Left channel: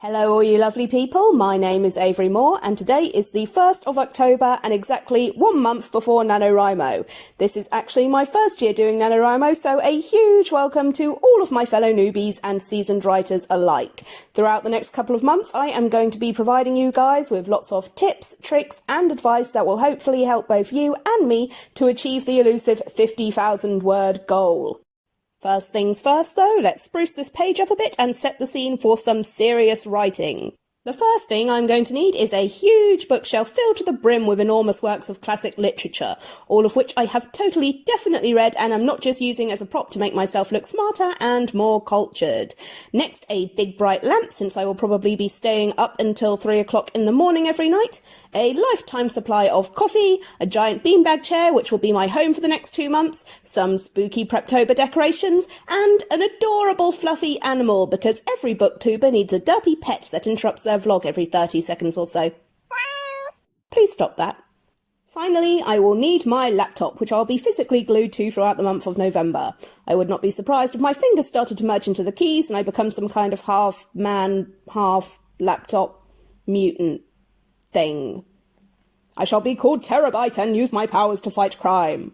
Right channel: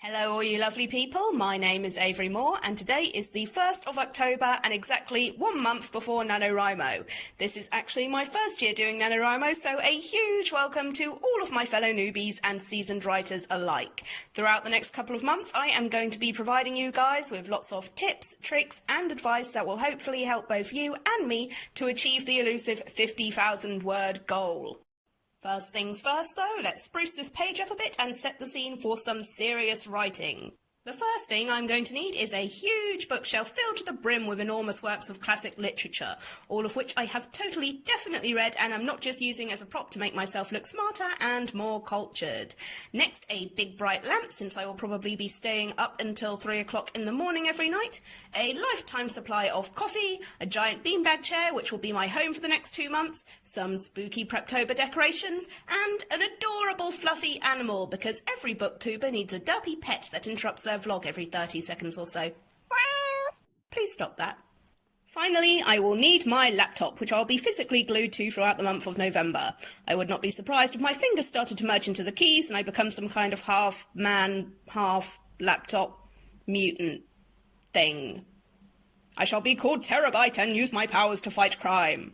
Hello all you lovely people, my name is Avery Moore and today is the 1st of October and exactly 1 month before NaNoWriMo. This is actually my first year doing NaNoWriMo, so a huge welcome to all of my fellow newbies and seasoned writers alike. Throughout the next couple of months I am going to be providing you guys with lots of tips, tricks and advice that will hopefully help both you and me to achieve the elusive 50,000 word goal. First things first though, let's spruce this page up a bit and set the scene for some serious writing. The first thing I'm going to need is a huge bookshelf filled to the brim with enormous works of classic literature, all of which I have definitely read and I'm not just using as a prop to make myself look smarter and more cultured. Next, a big bright lamp, since I will probably be staying up until 3 o'clock in the morning every night, a lifetime supply of coffee, a giant beanbag chair which will be my home for the next 2 months, some spooky Preptober decorations, and an adorable fluffy animal, because every booktuber needs a derpy pet that interrupts their vlog every 30 seconds or so. Please stop that. Finally, I will need my laptop, which I'll be physically glued to throughout the month of November. I would not be surprised if my fingers started to merge into the keys and I become some kind of half-man, half-laptop mutant thing. I shall be called Terabyte and use my powers to fight crime.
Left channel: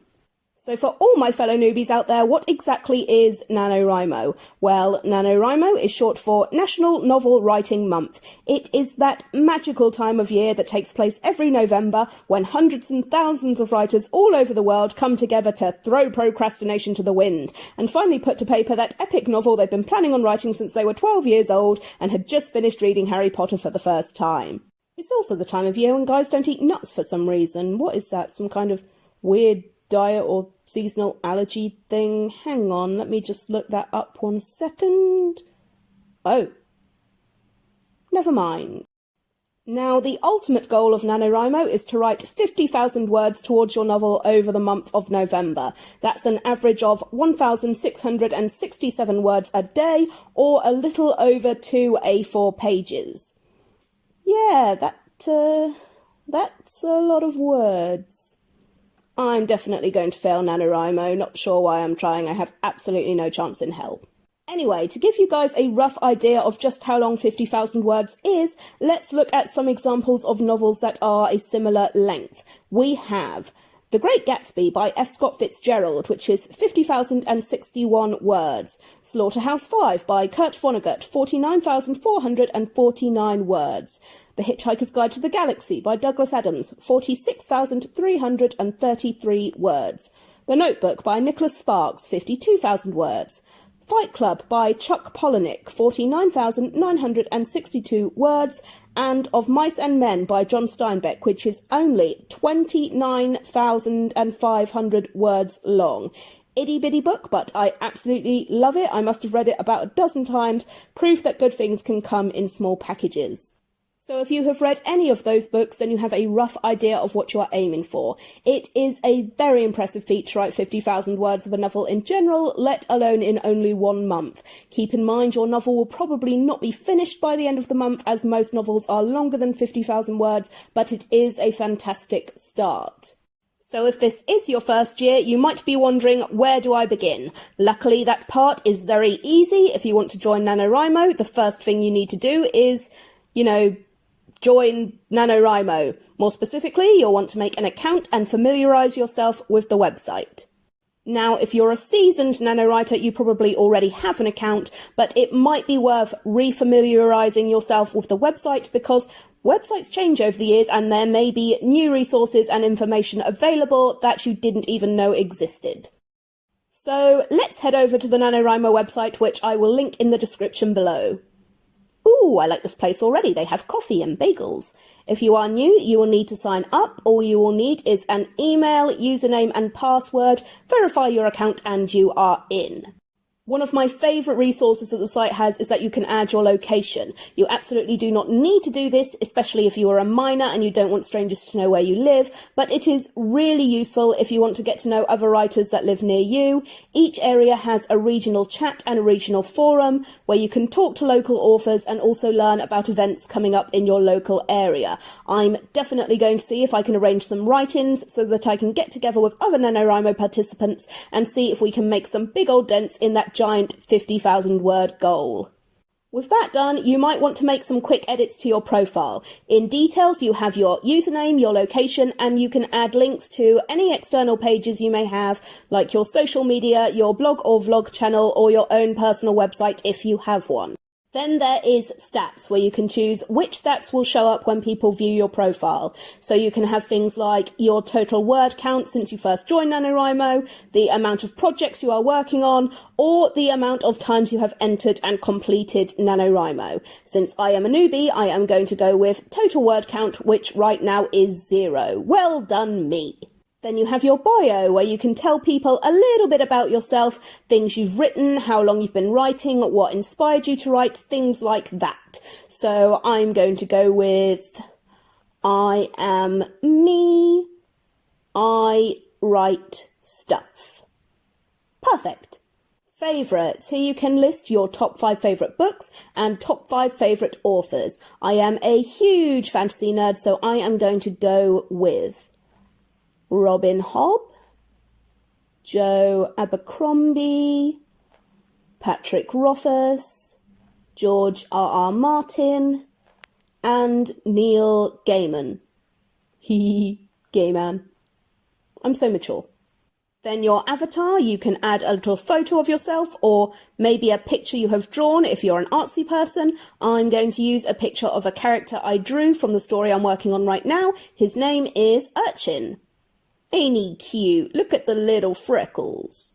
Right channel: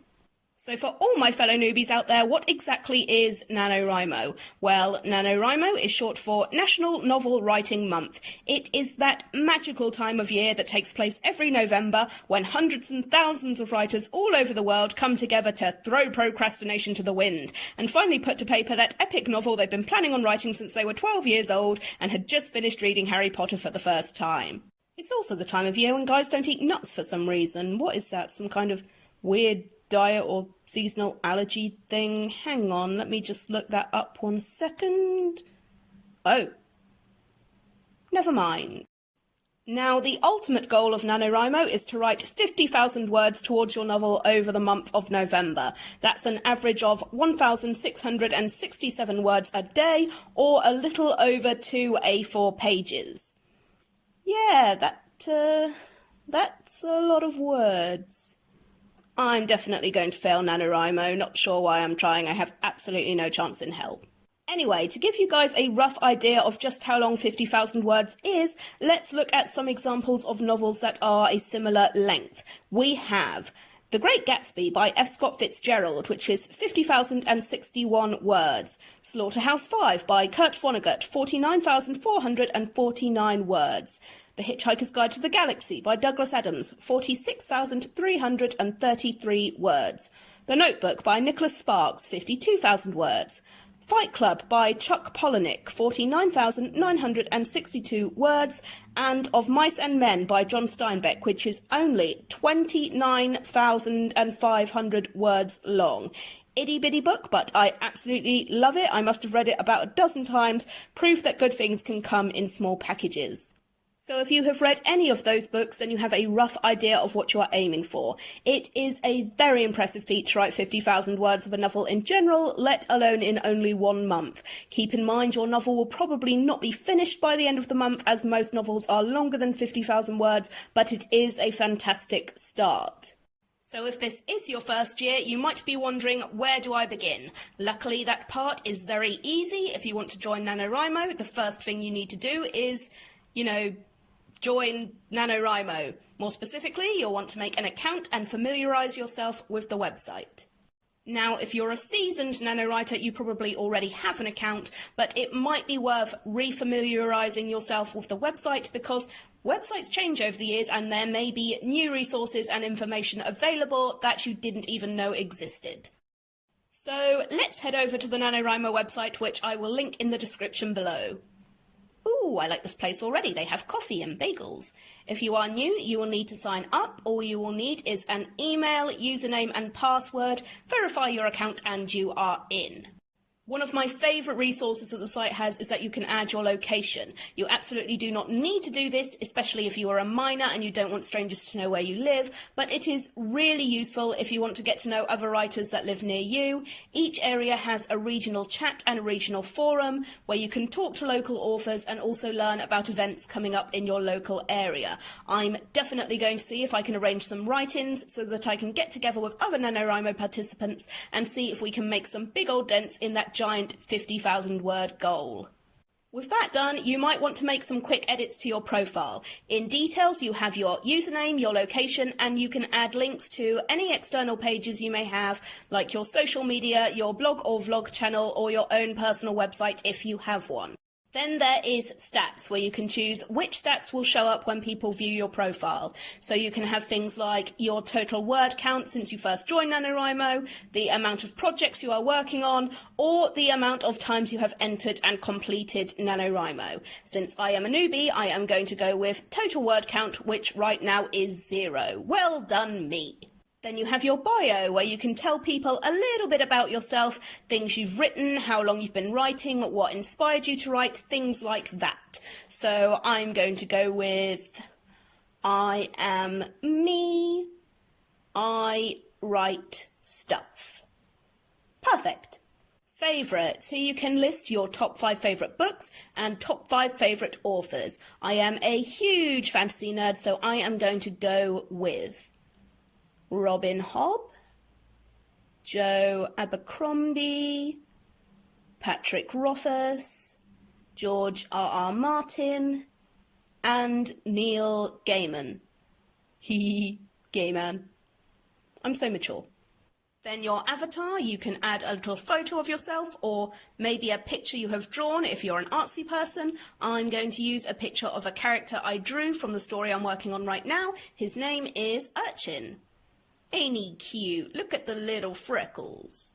So for all my fellow newbies out there, what exactly is NaNoWriMo? Well, NaNoWriMo is short for National Novel Writing Month. It is that magical time of year that takes place every November when hundreds and thousands of writers all over the world come together to throw procrastination to the wind and finally put to paper that epic novel they've been planning on writing since they were 12 years old and had just finished reading Harry Potter for the first time. It's also the time of year when guys don't eat nuts for some reason. What is that? Some kind of weird diet or seasonal allergy thing? Hang on, let me just look that up 1 second. Oh, never mind. Now, the ultimate goal of NaNoWriMo is to write 50,000 words towards your novel over the month of November. That's an average of 1,667 words a day, or a little over 2 A4 pages. Yeah, that's a lot of words. I'm definitely going to fail NaNoWriMo, not sure why I'm trying, I have absolutely no chance in hell. Anyway, to give you guys a rough idea of just how long 50,000 words is, let's look at some examples of novels that are a similar length. We have The Great Gatsby by F. Scott Fitzgerald, which is 50,061 words. Slaughterhouse-Five by Kurt Vonnegut, 49,449 words. The Hitchhiker's Guide to the Galaxy by Douglas Adams, 46,333 words. The Notebook by Nicholas Sparks, 52,000 words. Fight Club by Chuck Palahniuk, 49,962 words, and Of Mice and Men by John Steinbeck, which is only 29,500 words long. Itty bitty book, but I absolutely love it. I must have read it about a dozen times, proof that good things can come in small packages. So if you have read any of those books, then you have a rough idea of what you are aiming for. It is a very impressive feat to write 50,000 words of a novel in general, let alone in only 1 month. Keep in mind your novel will probably not be finished by the end of the month, as most novels are longer than 50,000 words, but it is a fantastic start. So if this is your first year, you might be wondering, where do I begin? Luckily, that part is very easy. If you want to join NaNoWriMo, the first thing you need to do is, join NaNoWriMo. More specifically, you'll want to make an account and familiarise yourself with the website. Now, if you're a seasoned NaNoWriter, you probably already have an account, but it might be worth refamiliarising yourself with the website because websites change over the years and there may be new resources and information available that you didn't even know existed. So let's head over to the NaNoWriMo website, which I will link in the description below. Ooh, I like this place already. They have coffee and bagels. If you are new, you will need to sign up. All you will need is an email, username and password. Verify your account and you are in. One of my favourite resources that the site has is that you can add your location. You absolutely do not need to do this, especially if you are a minor and you don't want strangers to know where you live, but it is really useful if you want to get to know other writers that live near you. Each area has a regional chat and a regional forum where you can talk to local authors and also learn about events coming up in your local area. I'm definitely going to see if I can arrange some write-ins so that I can get together with other NaNoWriMo participants and see if we can make some big old dents in that giant 50,000 word goal. With that done, you might want to make some quick edits to your profile. In details, you have your username, your location, and you can add links to any external pages you may have, like your social media, your blog or vlog channel, or your own personal website if you have one. Then there is stats, where you can choose which stats will show up when people view your profile. So you can have things like your total word count since you first joined NaNoWriMo, the amount of projects you are working on, or the amount of times you have entered and completed NaNoWriMo. Since I am a newbie, I am going to go with total word count, which right now is 0. Well done me. Then you have your bio, where you can tell people a little bit about yourself, things you've written, how long you've been writing, what inspired you to write, things like that. So I'm going to go with, I am me, I write stuff. Perfect. Favourites. Here you can list your top 5 favourite books and top 5 favourite authors. I am a huge fantasy nerd, so I am going to go with Robin Hobb, Joe Abercrombie, Patrick Rothfuss, George R.R. Martin, and Neil Gaiman. Gay man. I'm so mature. Then your avatar, you can add a little photo of yourself or maybe a picture you have drawn if you're an artsy person. I'm going to use a picture of a character I drew from the story I'm working on right now. His name is Urchin. Ain't he cute? Look at the little freckles.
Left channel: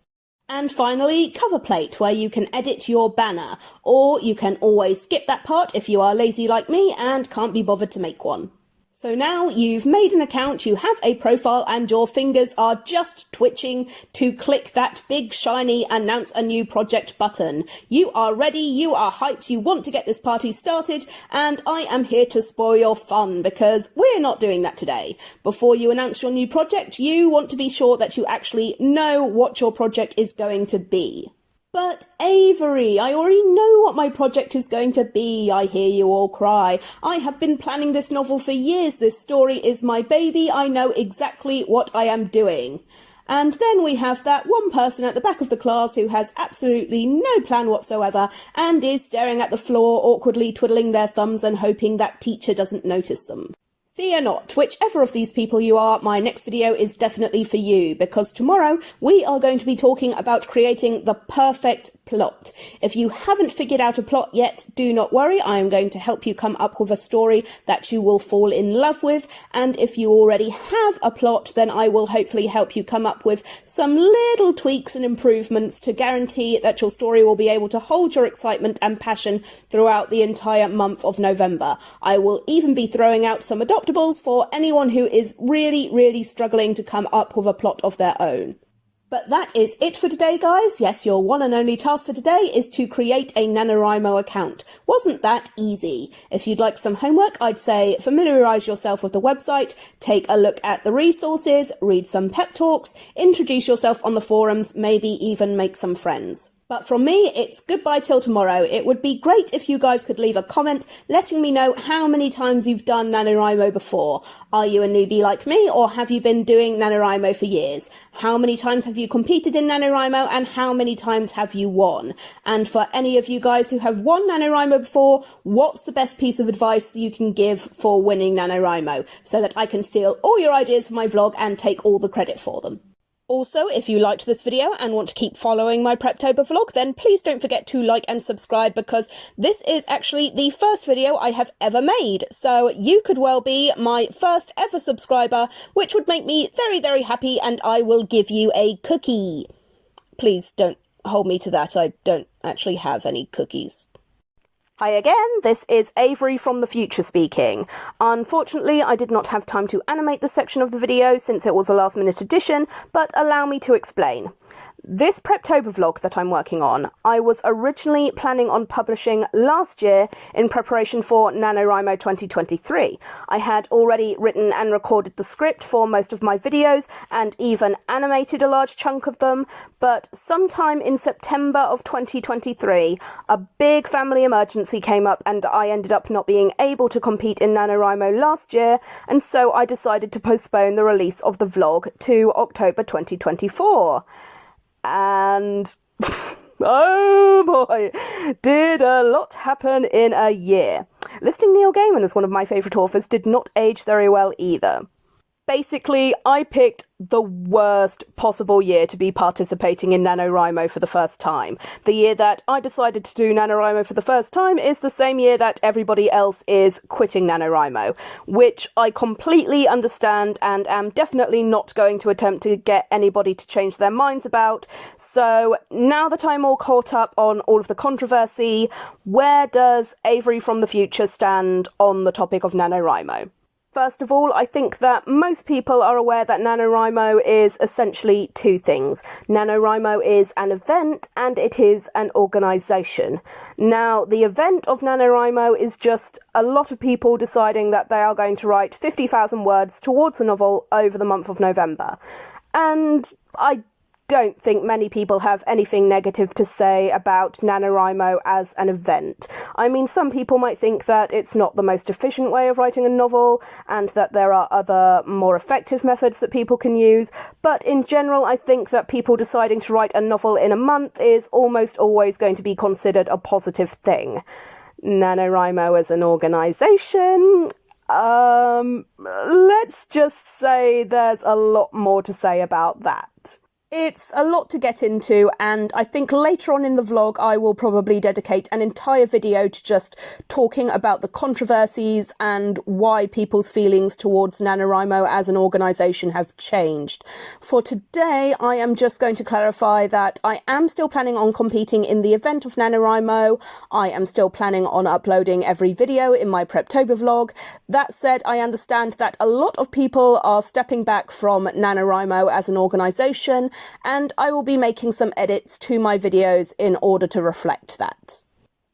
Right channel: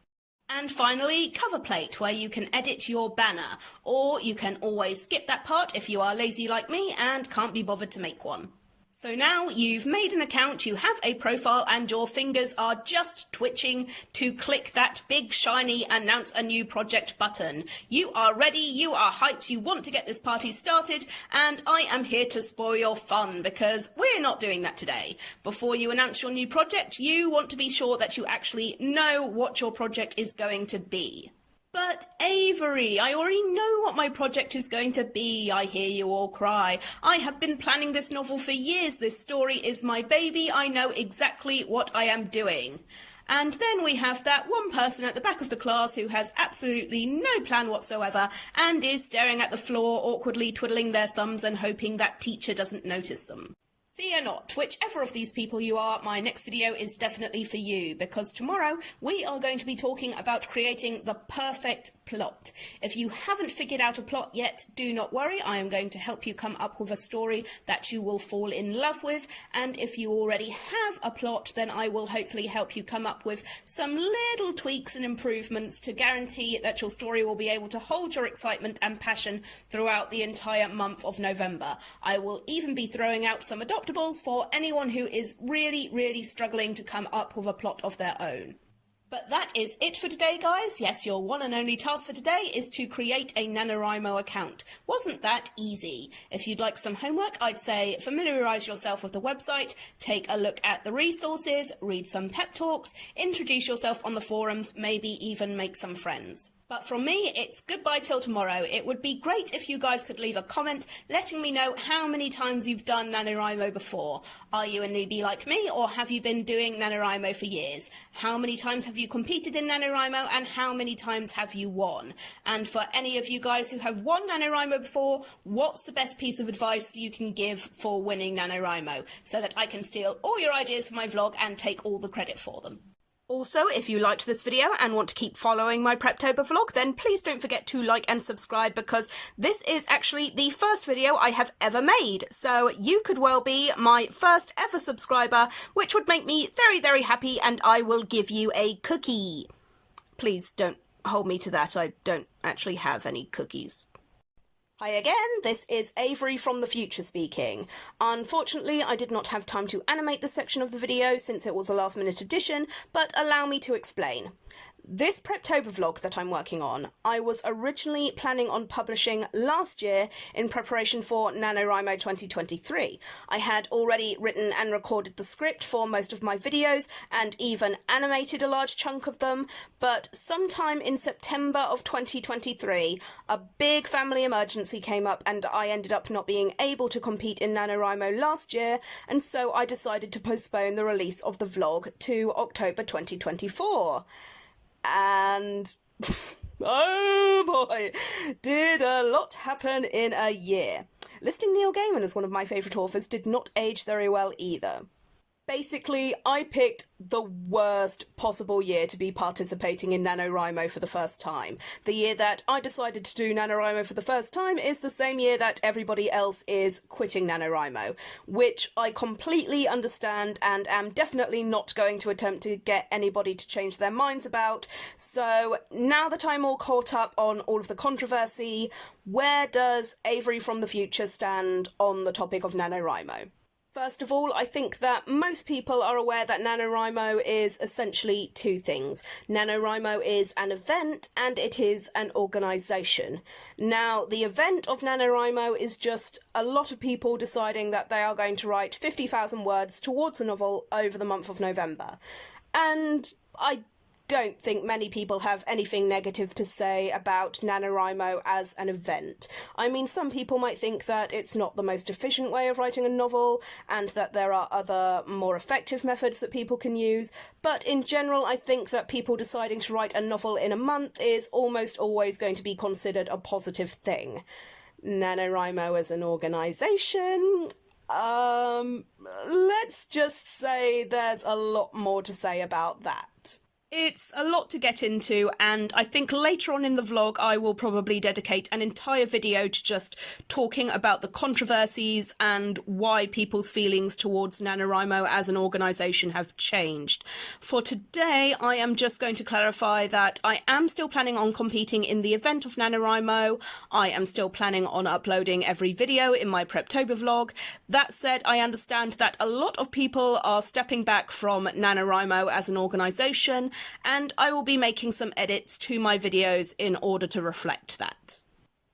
And finally, cover plate, where you can edit your banner, or you can always skip that part if you are lazy like me and can't be bothered to make one. So now you've made an account, you have a profile, and your fingers are just twitching to click that big shiny announce a new project button. You are ready, you are hyped, you want to get this party started, and I am here to spoil your fun because we're not doing that today. Before you announce your new project, you want to be sure that you actually know what your project is going to be. But Avery, I already know what my project is going to be, I hear you all cry. I have been planning this novel for years. This story is my baby. I know exactly what I am doing. And then we have that one person at the back of the class who has absolutely no plan whatsoever and is staring at the floor, awkwardly twiddling their thumbs and hoping that teacher doesn't notice them. Fear not, whichever of these people you are, my next video is definitely for you, because tomorrow we are going to be talking about creating the perfect plot. If you haven't figured out a plot yet, do not worry, I am going to help you come up with a story that you will fall in love with, and if you already have a plot, then I will hopefully help you come up with some little tweaks and improvements to guarantee that your story will be able to hold your excitement and passion throughout the entire month of November. I will even be throwing out some adoptables for anyone who is really struggling to come up with a plot of their own. But that is it for today, guys. Yes, your one and only task for today is to create a NaNoWriMo account. Wasn't that easy? If you'd like some homework, I'd say familiarise yourself with the website, take a look at the resources, read some pep talks, introduce yourself on the forums, maybe even make some friends. But from me, it's goodbye till tomorrow. It would be great if you guys could leave a comment letting me know how many times you've done NaNoWriMo before. Are you a newbie like me, or have you been doing NaNoWriMo for years? How many times have you competed in NaNoWriMo, and how many times have you won? And for any of you guys who have won NaNoWriMo before, what's the best piece of advice you can give for winning NaNoWriMo, so that I can steal all your ideas for my vlog and take all the credit for them? Also, if you liked this video and want to keep following my Preptober vlog, then please don't forget to like and subscribe, because this is actually the first video I have ever made. So you could well be my first ever subscriber, which would make me very happy, and I will give you a cookie. Please don't hold me to that. I don't actually have any cookies. Hi again, this is Avery from the future speaking. Unfortunately, I did not have time to animate this section of the video since it was a last-minute addition, but allow me to explain. This Preptober vlog that I'm working on, I was originally planning on publishing last year in preparation for NaNoWriMo 2023. I had already written and recorded the script for most of my videos and even animated a large chunk of them, but sometime in September of 2023, a big family emergency came up and I ended up not being able to compete in NaNoWriMo last year, and so I decided to postpone the release of the vlog to October 2024. And Oh boy, did a lot happen in a year. Listing Neil Gaiman as one of my favourite authors did not age very well either. Basically, I picked the worst possible year to be participating in NaNoWriMo for the first time. The year that I decided to do NaNoWriMo for the first time is the same year that everybody else is quitting NaNoWriMo, which I completely understand and am definitely not going to attempt to get anybody to change their minds about. So now that I'm all caught up on all of the controversy, where does Avery from the future stand on the topic of NaNoWriMo? First of all, I think that most people are aware that NaNoWriMo is essentially two things. NaNoWriMo is an event and it is an organisation. Now, the event of NaNoWriMo is just a lot of people deciding that they are going to write 50,000 words towards a novel over the month of November. And I don't think many people have anything negative to say about NaNoWriMo as an event. I mean, some people might think that it's not the most efficient way of writing a novel and that there are other more effective methods that people can use, but in general I think that people deciding to write a novel in a month is almost always going to be considered a positive thing. NaNoWriMo as an organisation, let's just say there's a lot more to say about that. It's a lot to get into, and I think later on in the vlog I will probably dedicate an entire video to just talking about the controversies and why people's feelings towards NaNoWriMo as an organisation have changed. For today, I am just going to clarify that I am still planning on competing in the event of NaNoWriMo. I am still planning on uploading every video in my Preptober vlog. That said, I understand that a lot of people are stepping back from NaNoWriMo as an organisation, and I will be making some edits to my videos in order to reflect that.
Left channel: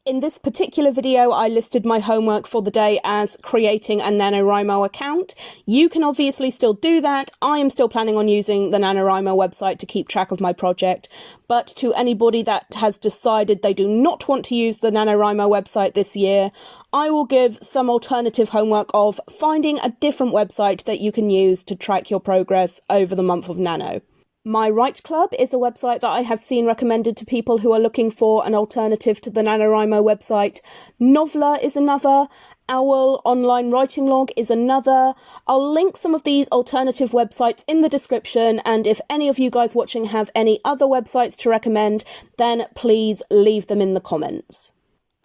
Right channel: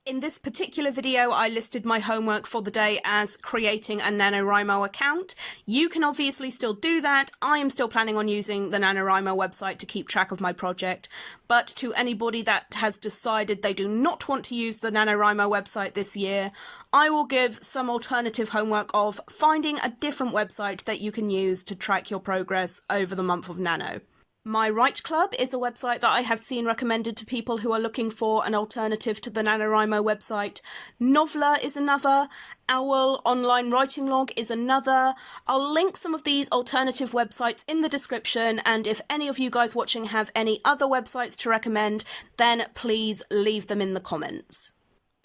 In this particular video, I listed my homework for the day as creating a NaNoWriMo account. You can obviously still do that. I am still planning on using the NaNoWriMo website to keep track of my project, but to anybody that has decided they do not want to use the NaNoWriMo website this year, I will give some alternative homework of finding a different website that you can use to track your progress over the month of Nano. My Write Club is a website that I have seen recommended to people who are looking for an alternative to the NaNoWriMo website. Noveler is another. Owl Online Writing Log is another. I'll link some of these alternative websites in the description, and if any of you guys watching have any other websites to recommend, then please leave them in the comments.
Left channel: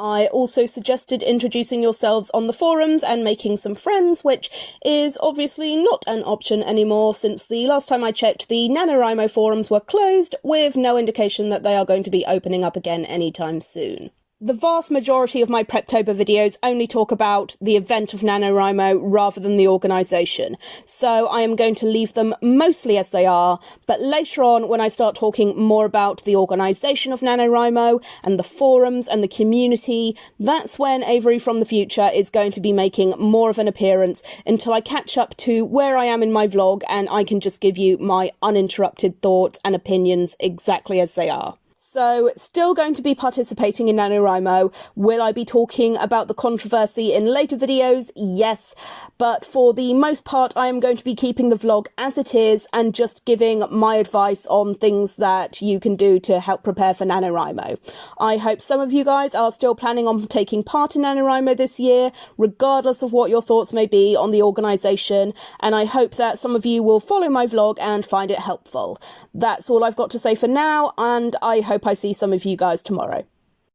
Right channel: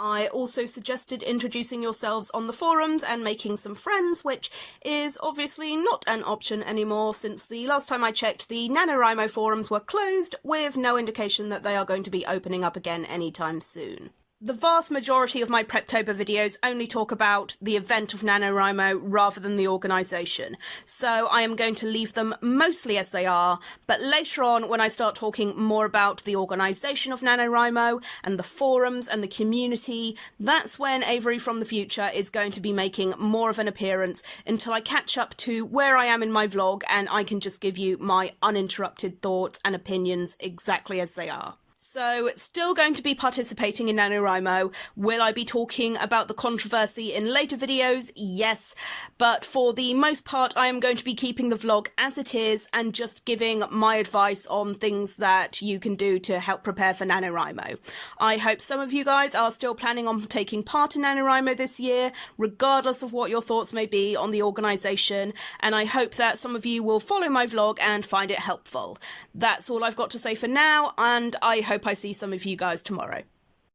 I also suggested introducing yourselves on the forums and making some friends, which is obviously not an option anymore since the last time I checked the NaNoWriMo forums were closed, with no indication that they are going to be opening up again anytime soon. The vast majority of my Preptober videos only talk about the event of NaNoWriMo rather than the organisation, so I am going to leave them mostly as they are, but later on when I start talking more about the organisation of NaNoWriMo and the forums and the community, that's when Avery from the future is going to be making more of an appearance until I catch up to where I am in my vlog and I can just give you my uninterrupted thoughts and opinions exactly as they are. So, still going to be participating in NaNoWriMo. Will I be talking about the controversy in later videos? Yes, but for the most part I am going to be keeping the vlog as it is and just giving my advice on things that you can do to help prepare for NaNoWriMo. I hope some of you guys are still planning on taking part in NaNoWriMo this year, regardless of what your thoughts may be on the organisation, and I hope that some of you will follow my vlog and find it helpful. That's all I've got to say for now, and I hope I see some of you guys tomorrow.